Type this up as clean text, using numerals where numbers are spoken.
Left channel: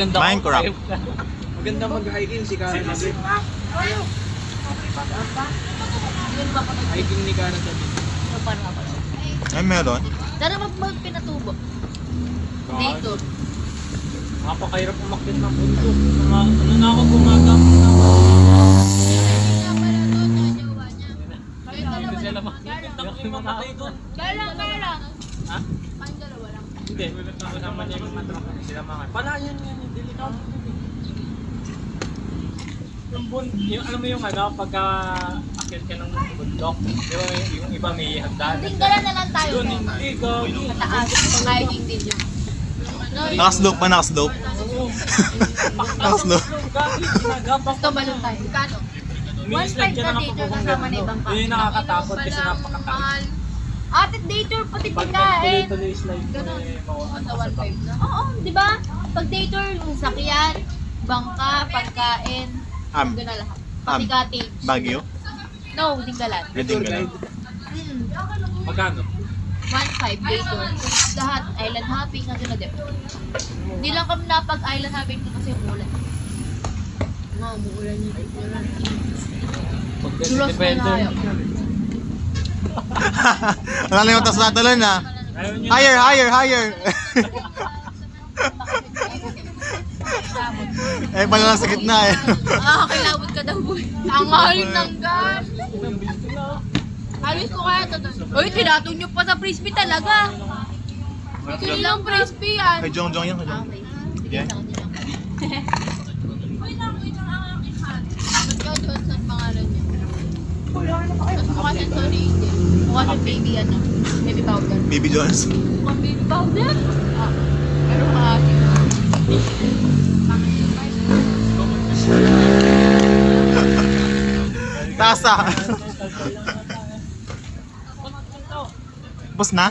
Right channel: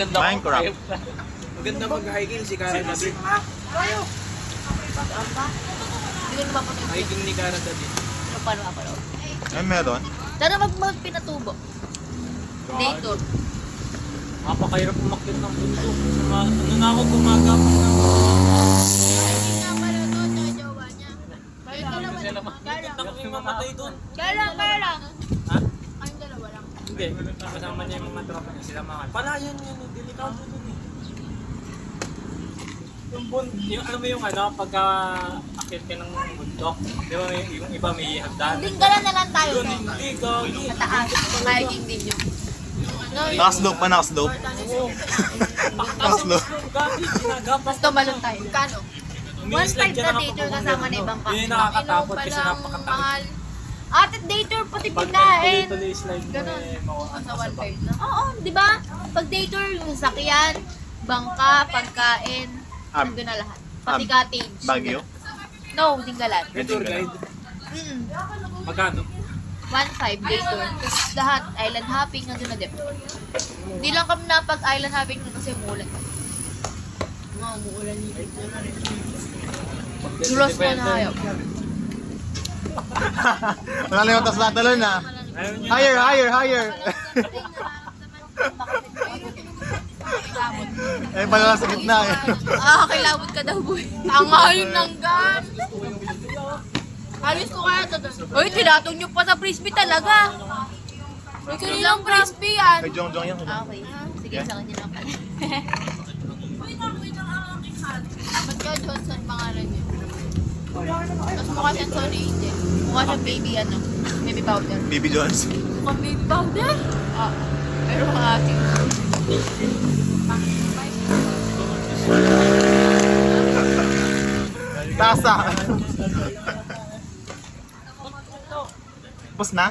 Maganda Minecraft. Maganda mag-hiking si Karen David. Hiking ni Karen David. Paano ka pa? Ay, meron. Tara magpinatubo. Dito. Napakahirap umakyat ng bundok. Ano na ako bumaga? Mamatay doon. Kailan? Hindi, kasama niya yung mga truck na sila mga. Palayan yun, delikado doon eh. Yung alam mo yung ano, pagka akit ka ng bundok, yung iba may hagdan. Tinggalan na lang tayo. Yun, hindi, gagi. Mataas. Pumayaging din yun. Nakaslope pa, nakaslope. Nakaslope. Gagi, ginagawa. Basta balon tayo. Kano? 1.5 na dito kasama na ibang Yun yung nakakatakot kasi napakatakot. Ate dator pati Pag pagkain. tuloy slide mo Ganun. eh, mawawala. Sa 1.5 na? Oo, di ba? Pag dator, sasakyan, bangka, pagkain, nandun na lahat. Pati cottage. Baguio. No, Dinggalan. Tour guide. Magkano? 1.5 dator. Lahat, island hopping, nandun na din. Hindi lang kami napag-island hopping kasi umulan. Mga umuulan yun. Duros mo na kayo. Wala na yung tas natuloy na. Ayaw niyo Higher. Eh, pala lang sa gitna eh. Kilabot ka daw, boy. Ang mahal ng gas. Alis ko kaya ito doon. Uy, tinatong nyo pa sa frisbee talaga. Ilang frisbee yan? Kay Jong yan, kay Jong. Okay. Sige, sa kanya lang. Mag-Johnson pangalan niya. Tapos mukha siyang Sony Angel. Mukha siyang baby ano. Baby powder. Baby Jones. Mukhang baby powder? Ah. Pero ate. Tasa. Bus na?